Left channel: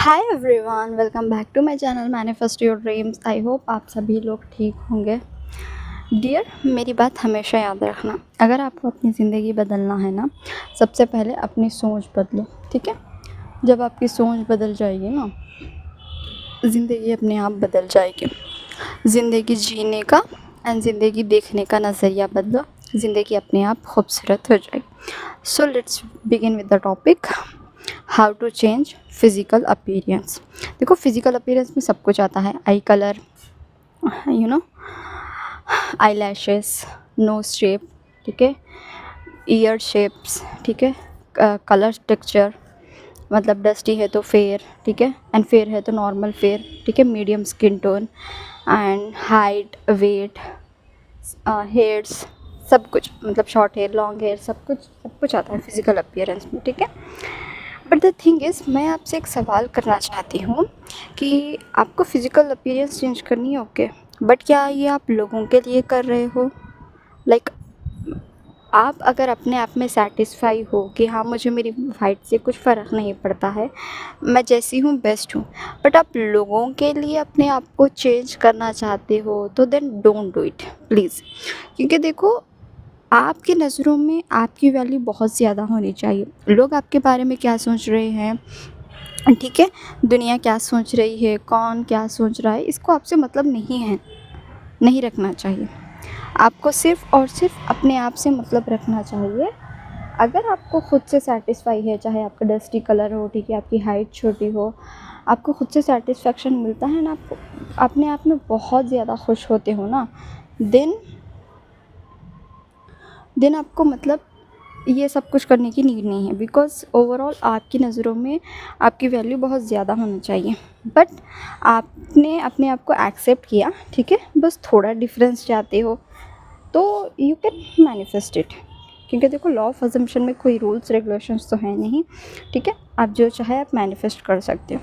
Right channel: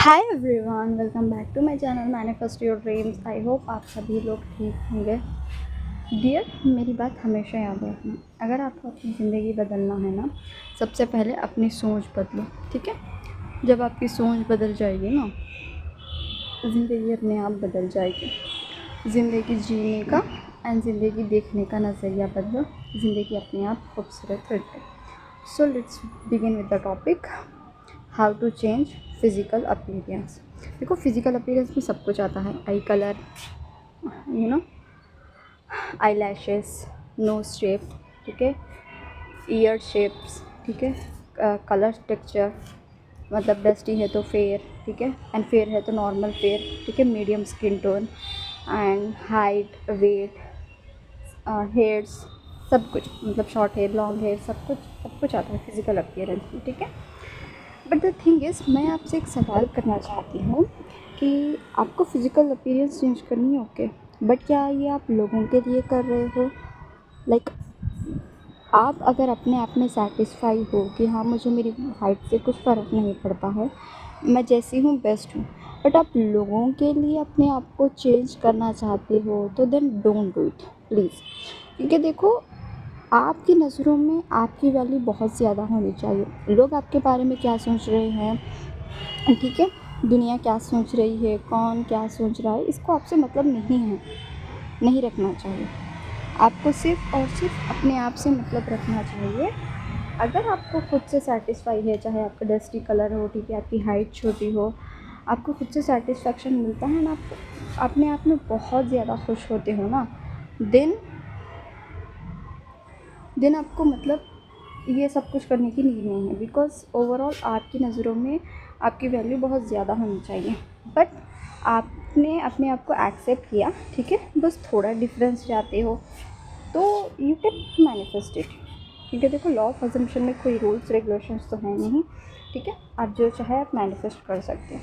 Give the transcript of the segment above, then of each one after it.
Hi everyone, welcome back to my channel manifest your dreams. I hope आप सभी लोग ठीक होंगे। डियर, मेरी बात हमेशा याद रखना, अगर आपको अपनी ज़िंदगी बदलना है ना, सबसे पहले अपनी सोच बदलो। ठीक है? जब आपकी सोच बदल जाएगी ना, ज़िंदगी अपने आप बदल जाएगी। ज़िंदगी जीने का एंड ज़िंदगी देखने का नज़रिया बदलो, ज़िंदगी अपने आप खूबसूरत हो जाएगी। So let's begin with the topic, how to change physical appearance. देखो, फिज़िकल अपीयरेंस में सब कुछ आता है। Eye colour, you know, eye lashes, nose shape, ठीक है, ईयर शेप्स, ठीक है, कलर टेक्सचर, मतलब डस्टी है तो फेयर, ठीक है, एंड फेयर है तो नॉर्मल फेयर, ठीक है, medium skin tone and height, weight, hairs, सब कुछ, मतलब शॉर्ट हेयर, लॉन्ग हेयर, सब कुछ आता है फिज़िकल अपीयरेंस में। ठीक है, बट द थिंग इज़, मैं आपसे एक सवाल करना चाहती हूँ कि आपको फ़िज़िकल अपीयरेंस चेंज करनी है, ओके, बट क्या ये आप लोगों के लिए कर रहे हो? लाइक आप अगर अपने आप में सैटिस्फाई हो कि हाँ, मुझे मेरी हाइट से कुछ फ़र्क नहीं पड़ता है, मैं जैसी हूँ बेस्ट हूँ, बट आप लोगों के लिए अपने आप को चेंज करना चाहते हो, तो then don't do it please. क्योंकि देखो, आपकी नज़रों में आपकी वैल्यू बहुत ज़्यादा होनी चाहिए। लोग आपके बारे में क्या सोच रहे हैं, ठीक है, दुनिया क्या सोच रही है, कौन क्या सोच रहा है, इसको आपसे मतलब नहीं है, नहीं रखना चाहिए। आपको सिर्फ़ और सिर्फ अपने आप से मतलब रखना चाहिए। अगर आपको खुद से सैटिस्फाई है, चाहे आपका डस्टी कलर हो, ठीक है, आपकी हाइट छोटी हो, आपको खुद से सैटिस्फैक्शन मिलता है ना, आपको अपने आप में बहुत ज़्यादा खुश होते हो ना, देन देन आपको मतलब ये सब कुछ करने की नीड नहीं है। बिकॉज़ ओवरऑल आपकी नज़रों में आपकी वैल्यू बहुत ज़्यादा होनी चाहिए, बट आपने अपने आप को एक्सेप्ट किया, ठीक है, बस थोड़ा डिफरेंस चाहते हो तो यू कैन मैनिफेस्ट इट। क्योंकि देखो, लॉ ऑफ अजम्पशन में कोई रूल्स रेगुलेशंस तो है नहीं, ठीक है, आप जो चाहे आप मैनिफेस्ट कर सकते हो।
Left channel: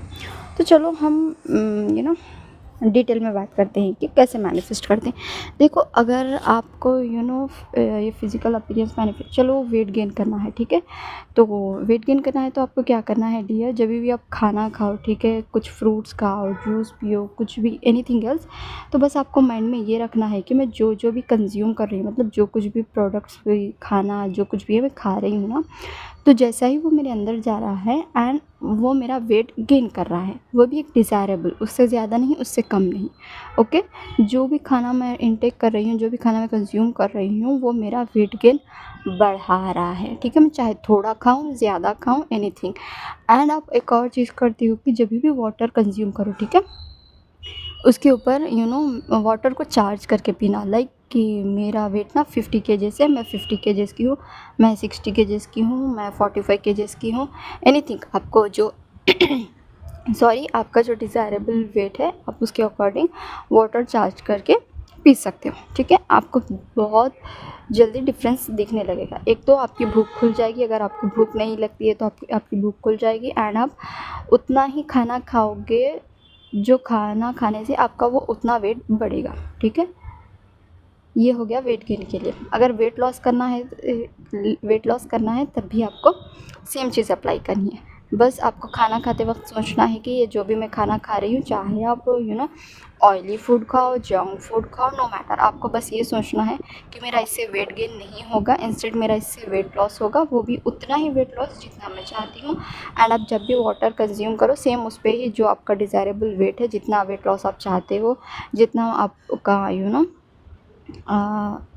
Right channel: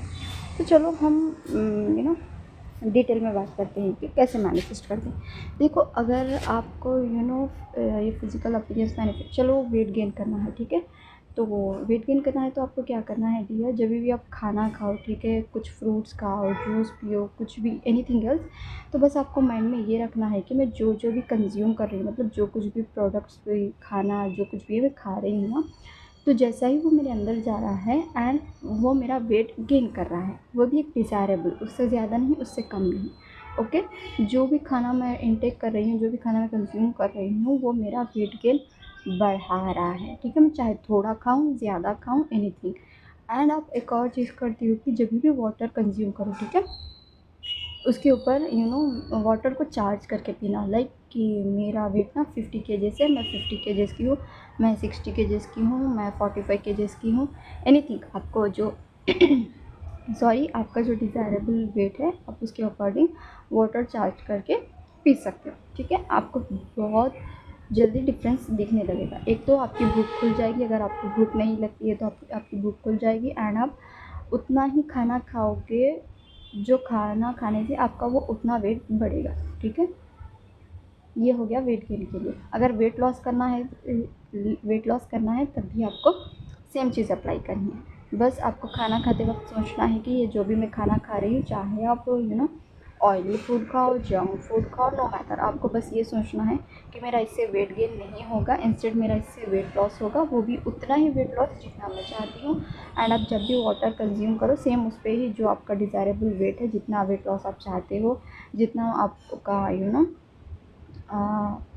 तो चलो हम डिटेल में बात करते हैं कि कैसे मैनिफेस्ट करते हैं। देखो, अगर आपको ये फिज़िकल अपीयरेंस मैनिफेस्ट, चलो वेट गेन करना है, ठीक है, तो वेट गेन करना है तो आपको क्या करना है डियर, जब भी आप खाना खाओ, ठीक है, कुछ फ्रूट्स खाओ, जूस पियो, कुछ भी एनीथिंग एल्स, तो बस आपको माइंड में ये रखना है कि मैं जो जो भी कंज्यूम कर रही हूँ, मतलब जो कुछ भी प्रोडक्ट्स, भी खाना जो कुछ भी है मैं खा रही हूँ ना, तो जैसा ही वो मेरे अंदर जा रहा है एंड वो मेरा वेट गेन कर रहा है, वो भी एक डिज़ायरेबल, उससे ज़्यादा नहीं, उससे कम नहीं, ओके। जो भी खाना मैं इनटेक कर रही हूँ, जो भी खाना मैं कंज्यूम कर रही हूँ, वो मेरा वेट गेन बढ़ा रहा है, ठीक है, मैं चाहे थोड़ा खाऊं, ज़्यादा खाऊं, एनीथिंग। एंड आप एक और चीज़ करती हो कि जब भी वाटर कंज्यूम करो, ठीक है, उसके ऊपर वाटर को चार्ज करके पीना। लाइक कि मेरा वेट ना 50 केजेस है, मैं 50 केजेस की हूँ, मैं 60 केजेस की हूँ, मैं 45 केजेस की हूँ, एनीथिंग, आपको जो सॉरी, आपका जो डिज़ायरेबल वेट है, आप उसके अकॉर्डिंग वाटर चार्ज करके पी सकते हो, ठीक है। आपको बहुत जल्दी डिफरेंस दिखने लगेगा। एक तो आपकी भूख खुल जाएगी, अगर आपको भूख नहीं लगती है तो आपकी भूख खुल जाएगी, एंड आप उतना ही खाना खाओगे, जो खाना खाने से आपका वो उतना वेट बढ़ेगा, ठीक है। ये हो गया वेट गेन के लिए। अगर वेट लॉस करना है तब भी आपको सेम चीज़ अप्लाई करनी है। बस आपको खाना खाते वक्त सोचना है कि ये जो भी मैं खाना खा रही हूँ, चाहे आप ऑयली फूड खाओ, जंक फूड खाओ, नो मैटर, आपको बस ये सोचना है कि मेरा इससे वेट गेन नहीं होगा, इंस्टेड मेरा इससे वेट लॉस होगा, वो भी उतना ही वेट लॉस जितना मैं चाहती हूँ। एंड आप जब भी वाटर कंज्यूम करो, सेम उस पर ही जो आपका डिज़ायरेबल वेट है, जितना वेट लॉस आप चाहते हो, जितना आपका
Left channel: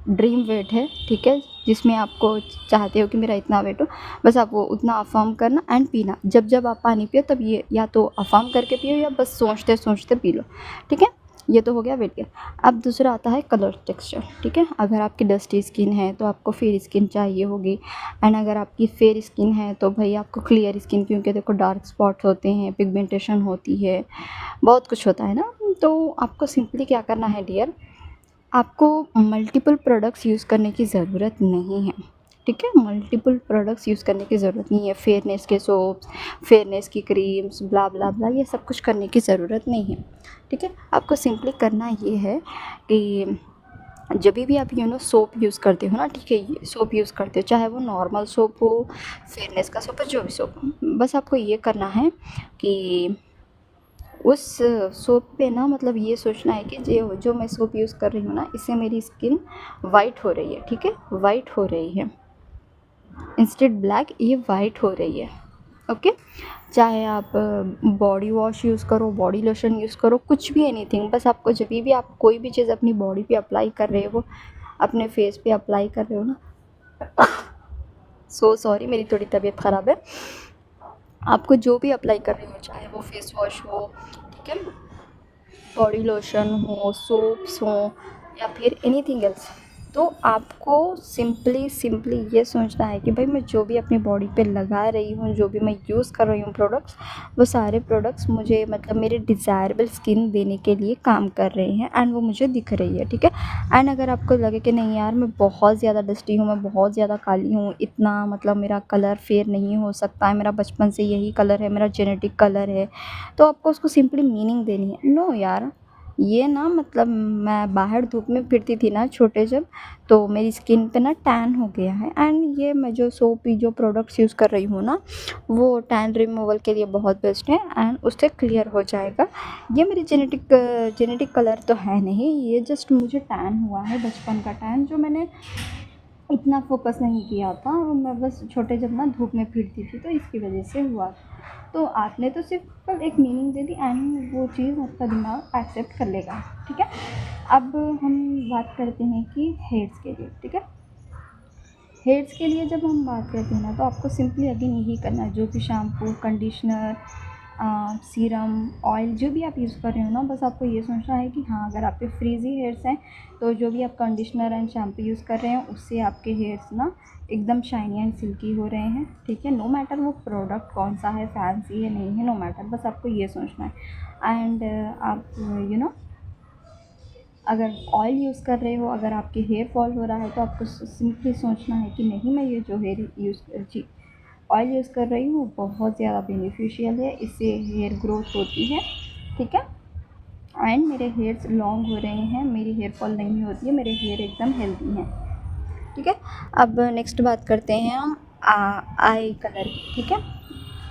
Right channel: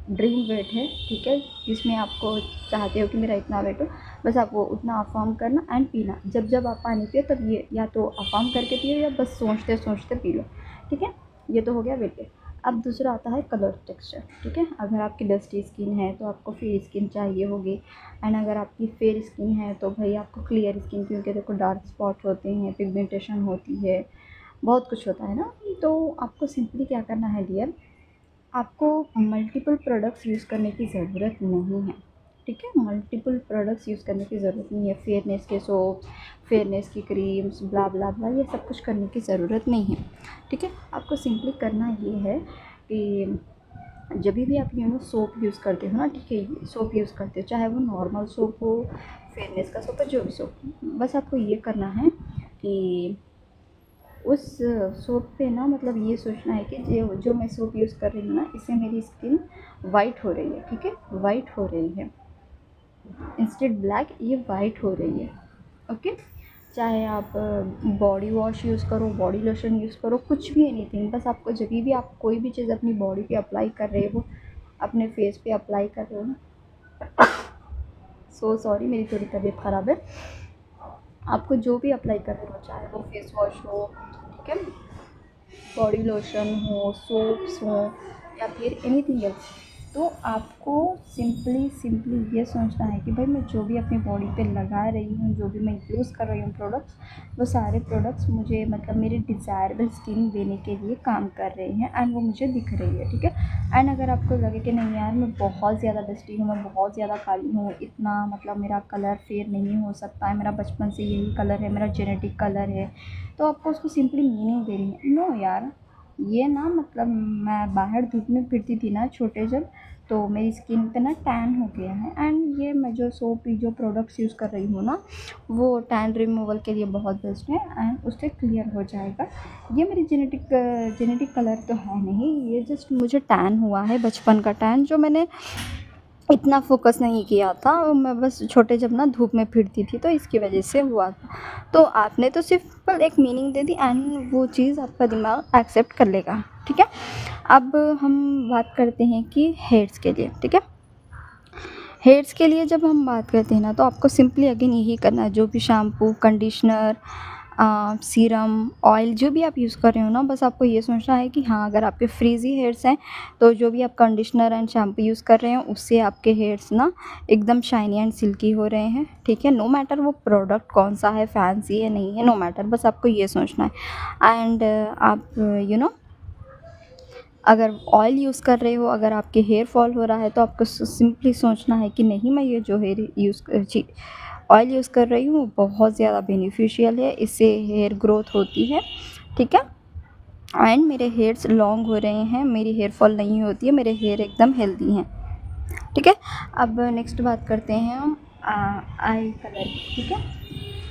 ड्रीम वेट है, ठीक है, जिसमें आपको चाहते हो कि मेरा इतना वेट हो, बस आप वो उतना अफर्म करना एंड पीना। जब जब आप पानी पियो, तब ये या तो अफर्म करके पियो या बस सोचते सोचते पी लो, ठीक है। ये तो हो गया वेट गेन। अब दूसरा आता है कलर टेक्सचर, ठीक है। अगर आपकी डस्टी स्किन है तो आपको फेयर स्किन चाहिए होगी, एंड अगर आपकी फेयर स्किन है तो भाई आपको क्लियर स्किन, क्योंकि देखो डार्क स्पॉट होते हैं, पिगमेंटेशन होती है, बहुत कुछ होता है ना। तो आपको सिंपली क्या करना है डियर, आपको मल्टीपल प्रोडक्ट्स यूज़ करने की ज़रूरत नहीं है, ठीक है, मल्टीपल प्रोडक्ट्स यूज़ करने की ज़रूरत नहीं है। फेयरनेस के सोप्स, फेयरनेस की क्रीम्स, ब्ला ब्ला ब्ला, ये सब कुछ करने की ज़रूरत नहीं है, ठीक है। आपको सिंपली करना ये है कि जब भी आप सोप यूज़ करते हो ना, ठीक है, ये सोप यूज़ करते हो, चाहे वो नॉर्मल सोप हो, फेयरनेस का सोप हो, जो भी सोप हो, बस आपको ये करना है कि उस सोप पे ना मतलब ये सोचना है कि जो मैं सोप यूज़ कर रही हूँ ना, इससे मेरी स्किन वाइट हो रही है, ठीक है, वाइट हो रही है, इंस्टेड ब्लैक ये वाइट हो रही है। ओके, चाहे आप बॉडी वॉश यूज़ करो, बॉडी लोशन यूज़ करो, कुछ भी, एनीथिंग, बस आपको जब भी आप कोई भी चीज़ अपनी बॉडी पे अप्लाई कर रहे हो, अपने फेस पे अप्लाई कर रहे हो ना, सो सॉरी मेरी थोड़ी तबीयत ख़राब है। आपको जो भी अप्लाई कर रहे हो, चाहे वो फेस वॉश हो, ठीक है, बॉडी लोशन हो, सोप्स हो, या फिर एनीथिंग एल्स, तो आपको सिंपली ये सोचना है कि भाई मैं जो भी अपनी बॉडी पे लगा रही हूँ, जो भी मैं यूज़ कर रही हूँ प्रोडक्ट्स, वो सारे प्रोडक्ट्स मुझे मतलब मेरे डिज़ायरेबल स्किन देने के लिए काम कर रहे हैं एंड वो मुझे दिख रही है, ठीक है। एंड अगर आपको लगे कि नहीं यार मैं बहुत ज़्यादा डस्टी हूँ, मैं बहुत ज़्यादा काली हूँ, इतना मतलब मेरा कलर फेयर नहीं हो सकता है, मेरा बचपन से यही कलर है, मेरा जेनेटिक कलर है, तो आपको उसको सिंपली मीनिंग देनी है। नो यार, ये ना मतलब मैं बाहर धूप में फिरती थी ना छोटे जब, तो मेरी स्किन पे ना टैन हो गया है एंड ये मैं जो सोप जो प्रोडक्ट्स यूज़ कर रही हूँ ना, वो टैन रिमूवल के लिए बहुत बेस्ट है एंड उससे क्लियर हो जाएगा। ये मेरी जेनेटिक कलर तो है नहीं, ये जस्ट मुझे टैन हुआ है, बचपन का टैन, जो मैंने इतना फोकस नहीं किया था, मैं बस छोटे जब ना धूप में फिरती थी तो इसकी वजह से हुआ था। तो आपने तो सिंपल एक मीनिंग दे दी एंड वो चीज़ आपका दिमाग एक्सेप्ट कर लेगा, ठीक है। अब हम बात करते हैं कि हेयर्स के लिए, ठीक है। हेयर्स के लिए जब हम बात करते हैं ना, तो आपको सिंपली अगेन यही करना है, जो भी शैम्पू, कंडीशनर, सीरम, ऑयल जो भी आप यूज़ कर रहे हो ना, बस आपको ये सोचना है कि हाँ, अगर आपके फ्रीज़ी हेयर्स हैं तो जो भी आप कंडीशनर एंड शैम्पू यूज़ कर रहे हैं उससे आपके हेयर्स ना एकदम शाइनी एंड सिल्की हो रहे हैं, ठीक है। नो मैटर वो प्रोडक्ट कौन सा है, फैंसी है नहीं है, नो मैटर, बस आपको ये सोचना है। एंड आप अगर ऑयल यूज़ कर रहे हो, अगर आपके हेयर फॉल हो रहा है, तो आपको सिंपली सोचना है कि नहीं, मैं ये जो ऑयल यूज़ कर रही हूँ बहुत ज़्यादा बेनिफिशियल है, इससे हेयर ग्रोथ होती है, ठीक है, एंड मेरे हेयर्स लॉन्ग हो रहे हैं, मेरी हेयर फॉल नहीं होती है, मेरे हेयर एकदम हेल्दी हैं, ठीक है। अब नेक्स्ट बात करते हैं हम आई कलर की, ठीक है।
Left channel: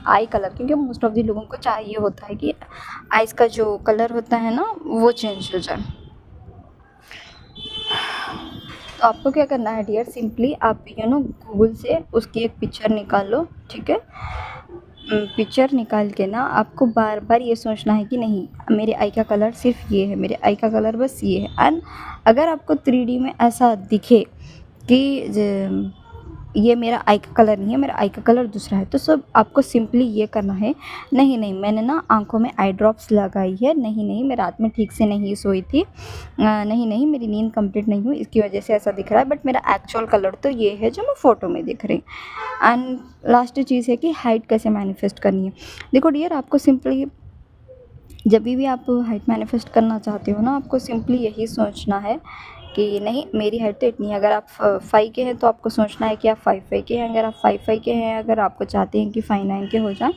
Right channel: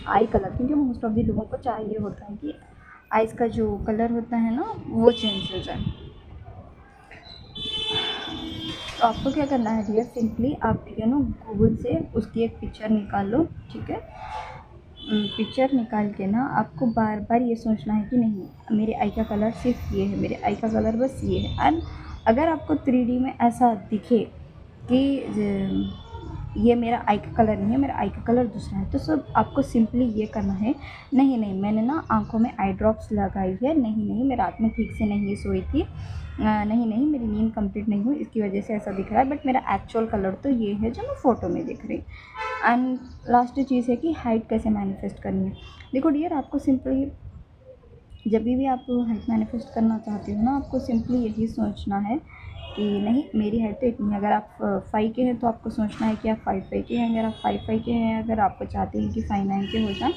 आई कलर, क्योंकि मोस्ट ऑफ द लोगों को चाहिए होता है कि आइज़ का जो कलर होता है ना वो चेंज हो जाए। तो आपको क्या करना है डियर, सिंपली आप गूगल से उसकी एक पिक्चर निकाल लो, ठीक है। पिक्चर निकाल के ना आपको बार बार ये सोचना है कि नहीं, मेरे आई का कलर सिर्फ ये है, मेरे आई का कलर बस ये है। एंड अगर आपको 3D में ऐसा दिखे कि ये मेरा आई का कलर नहीं है, मेरा आई का कलर दूसरा है, तो सब आपको सिंपली ये करना है, नहीं नहीं मैंने ना आंखों में आई ड्रॉप्स लगाई है, नहीं नहीं मैं रात में ठीक से नहीं सोई थी, नहीं नहीं मेरी नींद कंप्लीट नहीं हुई, इसकी वजह से ऐसा दिख रहा है, बट मेरा एक्चुअल कलर तो ये है जो मैं फ़ोटो में दिख रही। एंड लास्ट चीज़ है कि हाइट कैसे मैनिफेस्ट करनी है। देखो डियर, आपको सिंपली जब भी आप हाइट मैनिफेस्ट करना चाहते हो ना, आपको सिंपली यही सोचना है कि नहीं, मेरी हाइट तो इतनी है। अगर आप 5 के हैं तो आपको सोचना है कि आप 5'5" के हैं, अगर आप 5'5" के हैं, अगर आपको चाहते हैं कि 5'9" के हो जाएं,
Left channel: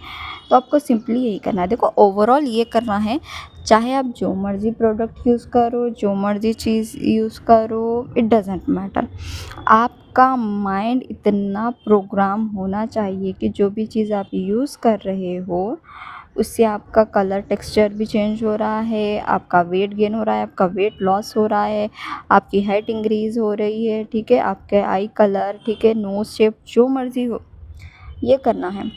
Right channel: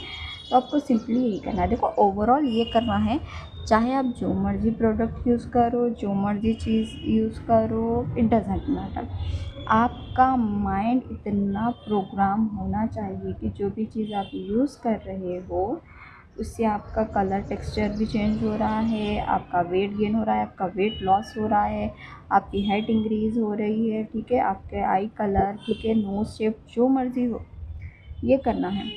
तो आपको सिंपली यही करना है। देखो ओवरऑल ये करना है, चाहे आप जो मर्ज़ी प्रोडक्ट यूज़ करो, जो मर्ज़ी चीज़ यूज़ करो, इट डजेंट मैटर, आपका माइंड इतना प्रोग्राम होना चाहिए कि जो भी चीज़ आप यूज़ कर रहे हो उससे आपका कलर टेक्सचर भी चेंज हो रहा है, आपका वेट गेन हो रहा है, आपका वेट लॉस हो रहा है, आपकी हाइट इंक्रीज़ हो रही है, ठीक है, आपके आई कलर, ठीक है, नोज़ शेप, जो मर्ज़ी हो, ये करना है।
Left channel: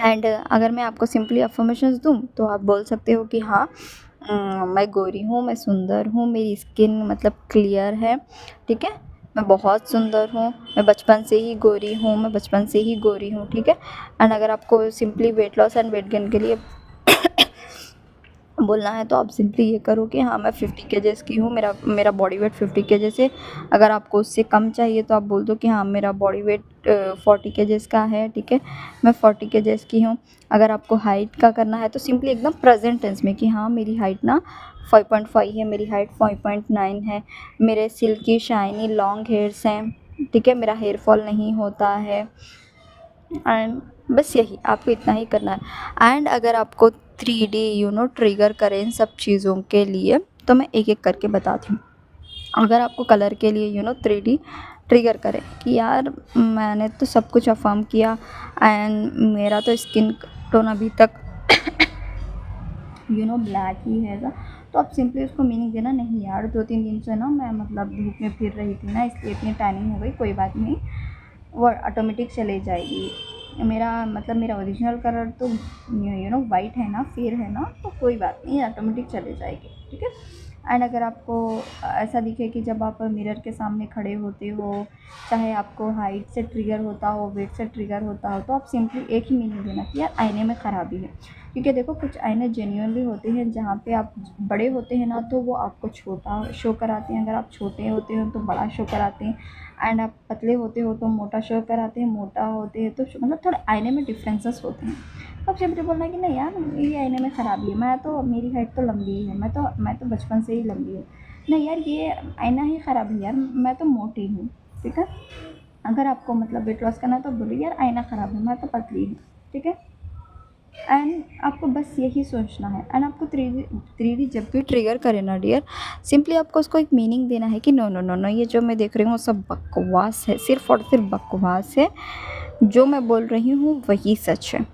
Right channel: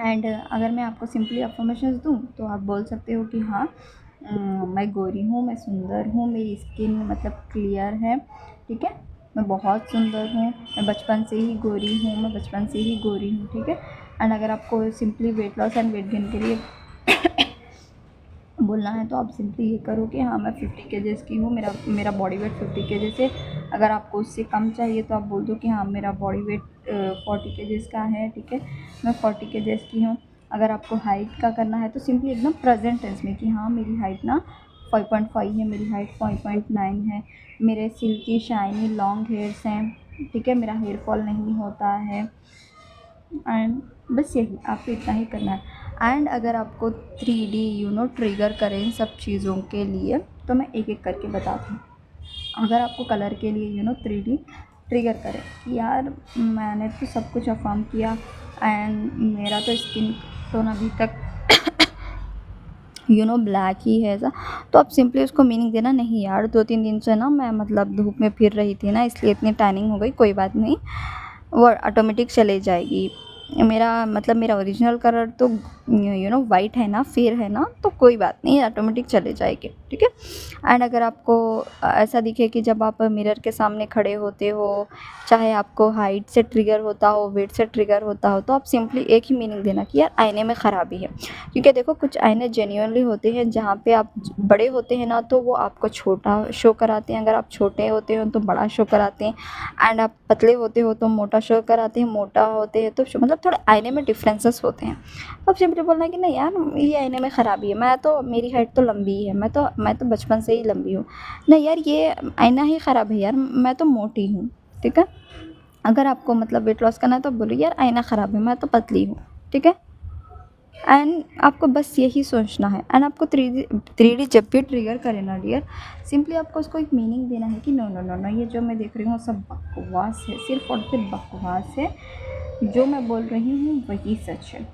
एंड अगर मैं आपको सिंपली अफर्मेशंस दूँ तो आप बोल सकते हो कि हाँ, मैं गोरी हूँ, मैं सुंदर हूँ, मेरी स्किन मतलब क्लियर है, ठीक है, मैं बहुत सुंदर हूँ, मैं बचपन से ही गोरी हूँ, मैं बचपन से ही गोरी हूँ, ठीक है। एंड अगर आपको simply weight loss and weight gain के लिए बोलना है तो आप सिंपली ये करो कि हाँ, मैं 50 केजेस की हूँ, मेरा मेरा बॉडी वेट 50 केजेस है। अगर आपको उससे कम चाहिए तो आप बोल दो कि हाँ, मेरा बॉडी वेट 40 केजेस का है, ठीक है, मैं 40 केजेस की हूँ। अगर आपको हाइट का करना है तो सिंपली एकदम प्रेजेंट टेंस में कि हाँ, मेरी हाइट ना 5.5 है, मेरी हाइट 5.9 है, मेरे सिल्की शाइनी लॉन्ग हेयर्स हैं, ठीक है, मेरा हेयर फॉल नहीं होता है। एंड बस यही आपको इतना ही करना है। एंड अगर आपको 3D ट्रिगर करें इन सब चीज़ों के लिए, तो मैं एक एक करके बताती हूँ। अगर आपको कलर के लिए 3D ट्रिगर करें कि यार मैंने तो सब कुछ अफर्म किया एंड मेरा तो स्किन टोन अभी तक ब्लैक ही है ऐसा, तो आप सिंपली उसको मीनिंग देना, नहीं यार 2-3 दिन से ना मैं मतलब धूप में फिर रही थी ना, इसलिए इतनी टैनिंग हो गई, कोई बात नहीं, वो ऑटोमेटिक चले जाएगी। मेरा ओरिजिनल कलर तो वाइट है ना, फेयर है ना, तो कोई बात नहीं, ऑटोमेटिक चले जाएगी, ठीक है। एंड अगर आपको ऐसा दिखे कि जब आप मिरर के सामने खड़े होते हो, चाहे आपको हाइट से ट्रिगर होता हो, वेट से ट्रिगर होता हो, तो आप सिंपली एक ही मीनिंग देना कि यार आईने में ख़राबी है। क्योंकि देखो कुछ आईने जेन्युइनली होते हैं जहाँ पे आप बड़े होते हैं ना, तो वो आपको छोटा शो कराते हैं, अगर आप छोटे होते हो तो बड़ा शो कराते हैं, एंड आप पतले होते हो तो मोटा शो कराते हैं, मोटा होते हैं तो मतलब थोड़े आईने में डिफरेंसेस होते हैं। अब सिंपली बोलना है कि नहीं यार ये आईने में ख़राबी है, मेरी हाइट तो लंबी है, मैं तो बचपन से ही लंबी हूँ, नहीं यार ये आईना ही ख़राब है यार, मैं तो मोटी हूँ, ठीक है। अगर आपको मतलब वेट लॉस करना है तो बोलो यार आईना ख़राब है, मैं तो पतली हूँ, ठीक है। एंड आपको बस यही सोचना है। एंड आपको 3D जब भी ट्रिगर करे ना डियर, सिंपली आपको उसको एक मीनिंग देना है कि नो नो नो नो, ये जो मैं देख रही हूँ वो सब बकवास है, सिर्फ और सिर्फ बकवास है, जो मैं बोल रही हूँ वही सच है।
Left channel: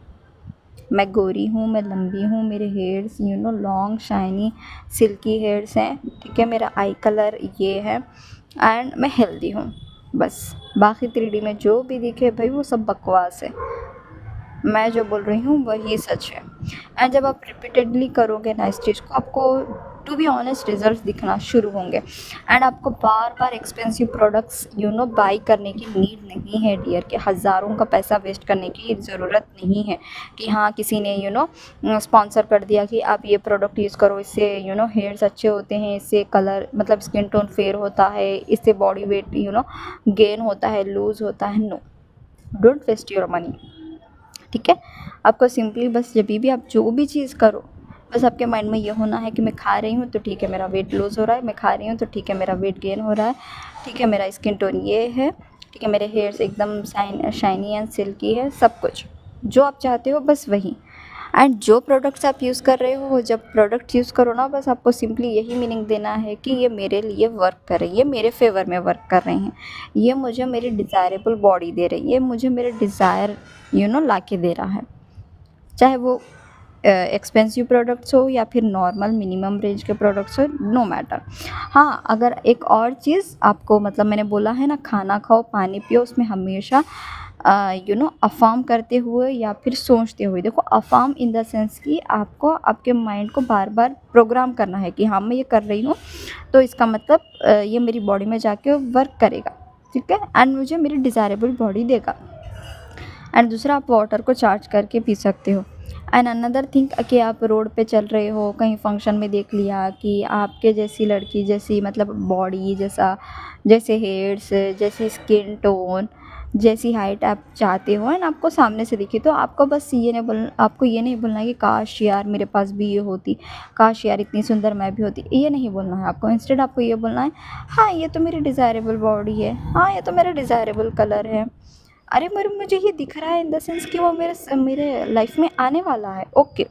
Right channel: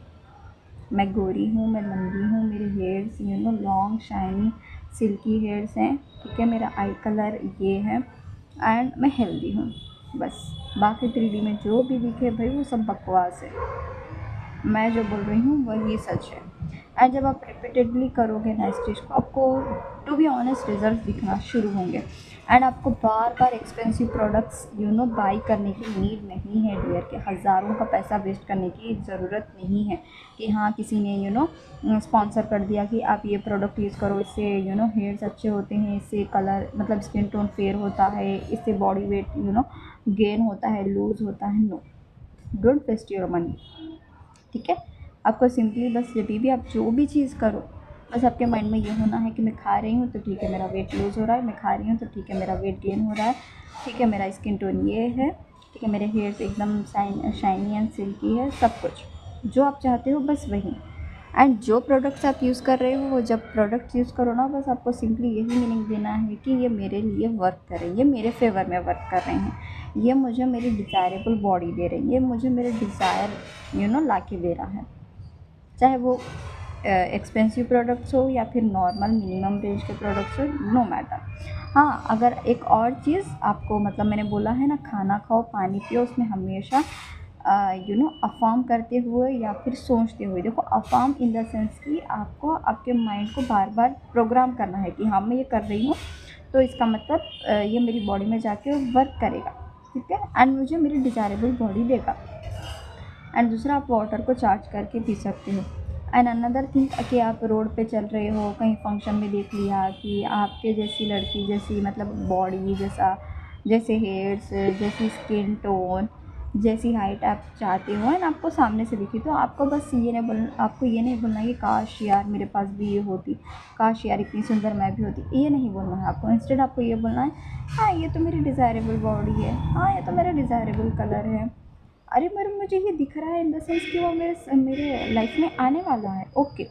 मैं गोरी हूँ, मैं लंबी हूँ, मेरे hairs long shiny silky hairs हैं, ठीक है, मेरा आई कलर ये है, एंड मैं हेल्दी हूँ, बस। बाकी 3D में जो भी दिखे भाई वो सब बकवास है, मैं जो बोल रही हूँ वही सच है। एंड जब आप रिपीटेडली करोगे ना इस चीज़ को, आपको टू बी ऑनेस्ट रिजल्ट दिखना शुरू होंगे, एंड आपको बार बार एक्सपेंसिव प्रोडक्ट्स बाई करने की नीड नहीं है डियर, कि हज़ारों का पैसा वेस्ट करने की ज़रूरत नहीं है कि हाँ किसी ने स्पॉन्सर कर दिया कि आप ये प्रोडक्ट यूज़ करो, इससे हेयर्स अच्छे होते हैं, इससे कलर मतलब स्किन टोन फेयर होता है, इससे बॉडी वेट गेन होता है, लूज़ होता है। No, don't waste your money, ठीक है। आपको सिंपली बस जब भी आप जो भी चीज़ करो, बस आपके माइंड में ये होना है कि मैं खा रही हूँ तो ठीक है मेरा वेट लूज़ हो रहा है, मैं खा रही हूँ तो ठीक है मेरा वेट गेन हो रहा है, ठीक है मेरा स्किन टोन ये है, ठीक है मेरे हेयर्स एकदम शाइनी एंड सिल्की है, सब कुछ जो आप चाहते हो बस वही। एंड जो प्रोडक्ट्स आप यूज़ कर रहे हो, जब प्रोडक्ट यूज़ करो ना, बस आपको सिंपली यही मीनिंग देना है कि ये मेरे लिए वर्क कर रही है, ये मेरे फेवर में वर्क कर रहे हैं, ये मुझे मेरी डिज़ायरेबल बॉडी दे रही है, ये मुझे मेरे डिज़ायर ला के दे रहा है, चाहे वो एक्सपेंसिव प्रोडक्ट्स हो या फिर नॉर्मल मिनिमम रेंज के प्रोडक्ट्स हो, नो मैटर। हाँ, अगर एक और चीज़ आपको मतलब मैंने बोला है ना, खाना खाओ पानी पियो, उसमें हमेशा अफर्म करते हुए या फिर सोचते हुए, देखो अफर्म इन द सेंस कि आपको आपके माइंड को बार बार प्रोग्राम करना है कि हाँ मैं ये कर रही हूँ, तो इसका मतलब ये मेरी बॉडी में जाके वर्क करेगा, ठीक है, एंड मुझे मेरी डिज़ायरेबल बॉडी देगा। एंड दूसरा, आप वाटर को चार्ज करके पी सकते हो। एंड अनदर थिंग कि आप रोड पे चल रहे हो, कहीं फंक्शन में देख लिया कि आपके जैसी लड़की जैसी मतलब बॉडी जैसा, जैसे हेयर्स, जैसी स्किन टोन, जैसी हाइट आप चाहते हो एंड आपको सामने से दिखी, तो आपको बस आपको ये नहीं बोलना है कि काश यार मेरे पास भी ये होती, काश यार इतनी सुंदर मैं भी होती, ये नहीं बोलना है आपको। इंस्टेड आपको ये बोलना है, हाँ ये तो मेरी डिज़ायरेबल बॉडी है, हाँ ये तो मेरा डिज़ायरेबल कलर है, अरे मेरे मुझे ये दिख रहा है इन द सेंस कि वो मेरे लाइफ में आने वाला है, ओके,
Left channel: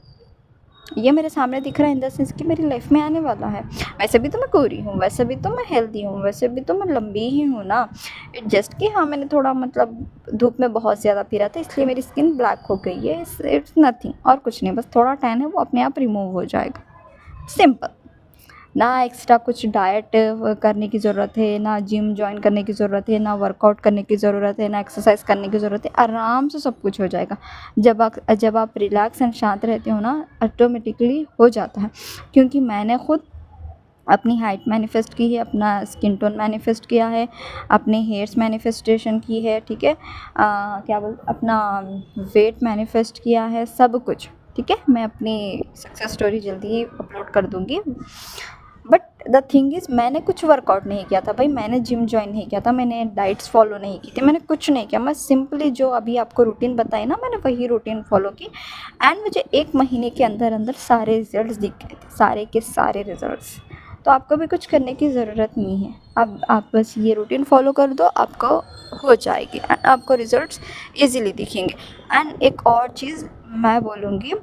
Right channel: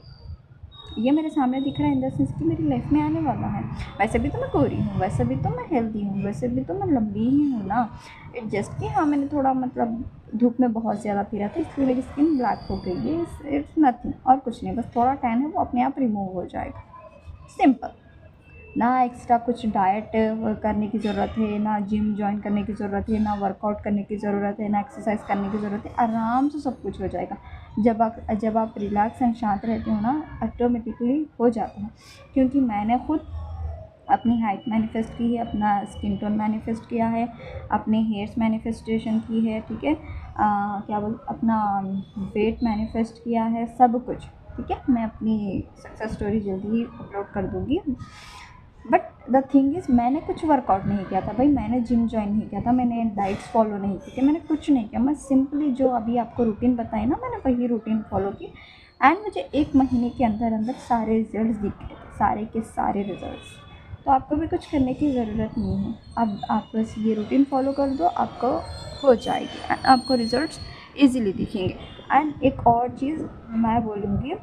ये मेरे सामने दिख रहा है इन द सेंस कि मेरी लाइफ में आने वाला है। वैसे भी तो मैं गोरी हूँ, वैसे भी तो मैं हेल्दी हूँ, वैसे भी तो मैं लंबी ही हूँ ना, इट जस्ट कि हाँ मैंने थोड़ा मतलब धूप में बहुत ज़्यादा फिरा था इसलिए मेरी स्किन ब्लैक हो गई है, इट्स नथिंग, और कुछ नहीं, बस थोड़ा टैन है वो अपने आप रिमूव हो जाएगा, सिंपल। ना एक्स्ट्रा कुछ डाइट करने की ज़रूरत है, ना जिम जॉइन करने की ज़रूरत है, ना वर्कआउट करने की ज़रूरत है, ना एक्सरसाइज करने की ज़रूरत है, आराम से सब कुछ हो जाएगा। जब आप रिलैक्स एंड शांत रहते हो ना, ऑटोमेटिकली हो जाता है। क्योंकि मैंने खुद अपनी हाइट मैनिफेस्ट की है, अपना स्किन टोन मैनिफेस्ट किया है, अपने हेयर्स मैनिफेस्टेशन की है, ठीक है, क्या बोल अपना वेट मैनिफेस्ट किया है, सब कुछ, ठीक है। मैं अपनी सक्सेस स्टोरी जल्दी ही अपलोड कर दूँगी। बट द थिंग इज़ मैंने कुछ वर्कआउट नहीं किया था भाई, मैंने जिम जॉइन नहीं किया था, मैंने डाइट्स फॉलो नहीं की थी, मैंने कुछ नहीं किया, मैं सिंपली जो अभी आपको रूटीन बताई ना, मैंने वही रूटीन फॉलो की, एंड मुझे 1 महीने के अंदर अंदर सारे रिजल्ट्स दिख गए थे, सारे के सारे रिजल्ट्स। तो आपको भी कुछ करने की ज़रूरत नहीं है, अब आप बस ये रूटीन फॉलो कर दो, आपको हो जाएगी एंड आपको रिजल्ट्स ईजिली दिखेंगे। एंड एक और चीज़ मैं बोलूँगी,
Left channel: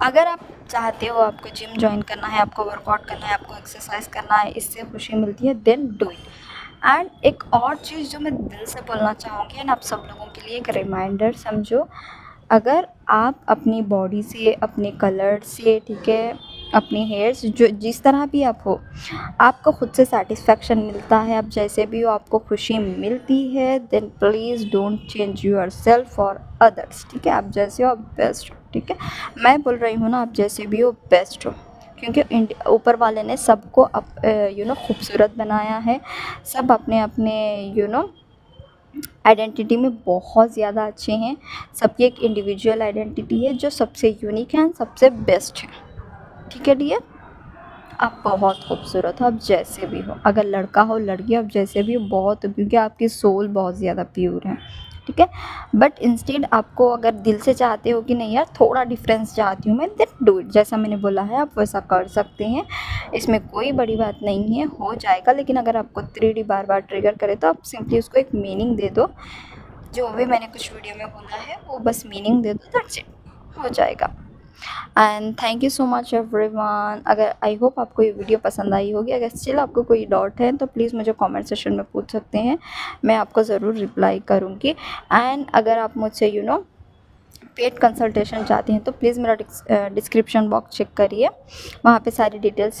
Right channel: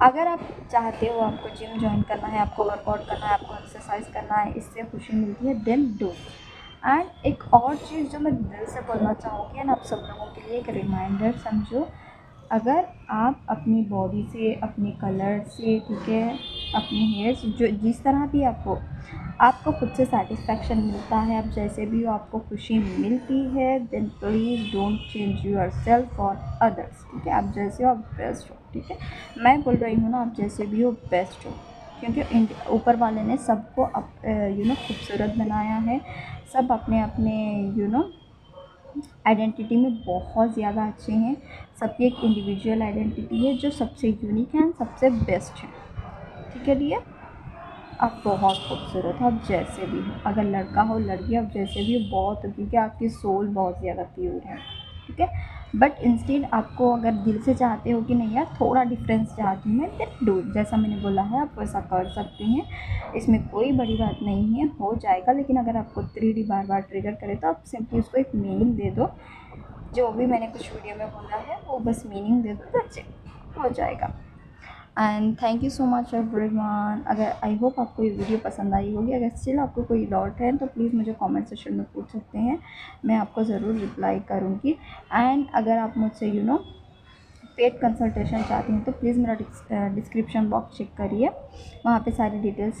अगर आप चाहते हो आपको जिम जॉइन करना है, आपको वर्कआउट करना है, आपको एक्सरसाइज करना है, इससे खुशी मिलती है, देन डू इट। एंड एक और चीज़ जो मैं दिल से बोलना चाहूँगी एंड आप सब लोगों के लिए एक रिमाइंडर समझो, अगर आप अपनी बॉडी से, अपने कलर से, ठीक है, अपने हेयर्स, जो जिस तरह भी आप हो, आपको खुद से सेटिस्फेक्शन मिलता है, आप जैसे भी हो आपको खुशी मिलती है, then please don't change yourself for others. ठीक है, आप जैसे हो आप बेस्ट हो। ठीक है, मैं बोल रही हूँ ना, आप जैसे भी हो बेस्ट हो, क्योंकि ऊपर वाले ने सबको खूबसूरत बनाया है। सब अपने अपने आइडेंटिटी में बहुत ज़्यादा अच्छे हैं। सबकी एक इंडिविजुअल आइडेंटिटी है जो सबसे यूनिक है, सबसे बेस्ट है। ठीक है डियर, आप बहुत खूबसूरत हो, आप जैसे भी हो, अगर लड़का हो लड़की, आप जैसे भी हो बहुत हो, क्योंकि आपकी सोल बहुत ज़्यादा प्योर है। ठीक है, बट इंस्टेड आपको अगर दिल से चाहते हो कि नहीं यार थोड़ा डिफरेंस चाहती हूँ मैं, देन डू इट, जैसा मैंने बोला है आप वैसा कर सकते हैं, इसमें कोई बड़ी बात नहीं है, हो जाएगा। लेकिन अगर आपको 3D बार बार ट्रिगर करे तो आप सिंपली उसको एक मीनिंग दे दो, जो भी मैंने कुछ वीडियो में बोला है वो बस मीनिंग दे दो, दैट्स इट, हो जाएगा। And thank you so much everyone. अगर आई होप आपको ये वीडियो पसंद आई होगी। अगर स्टिल आपको कोई डाउट है तो प्लीज़ मुझे कमेंट सेक्शन में पूछ सकते हैं, मैं आपको ज़रूर रिप्लाई करूँगी। एंड अगर आप मुझसे पेड कंसल्टेशन चाहती हैं तो प्लीज़ मेरा डिस्क्रिप्शन बॉक्स चेक करिए, वहाँ पे सारी डिटेल्स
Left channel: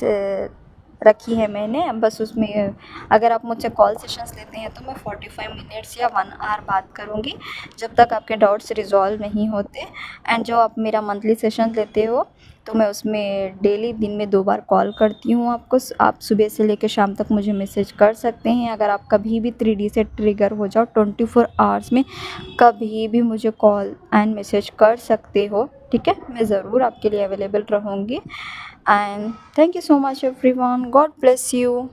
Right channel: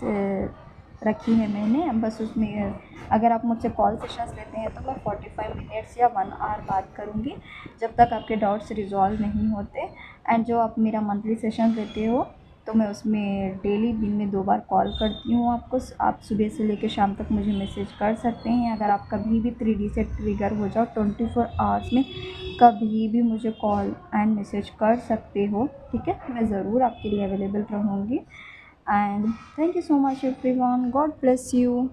रखी है मैंने। बस उसमें अगर आप मुझसे कॉल सेशंस लेते हैं तो मैं 45 मिनट्स या 1 आवर बात करूँगी, जब तक आपके डाउट्स रिजॉल्व नहीं होते। एंड जो आप मेरा मंथली सेशन लेते हो तो मैं उसमें डेली दिन में 2 बार कॉल करती हूँ आपको। आप सुबह से लेकर शाम तक मुझे मैसेज कर सकते हैं। अगर आप कभी भी 3D से ट्रिगर हो जाओ 24 आवर्स में कभी भी मुझे कॉल एंड मैसेज कर सकते हो। ठीक है, मैं ज़रूर आपके लिए अवेलेबल रहूँगी। And thank you so much everyone, God bless you.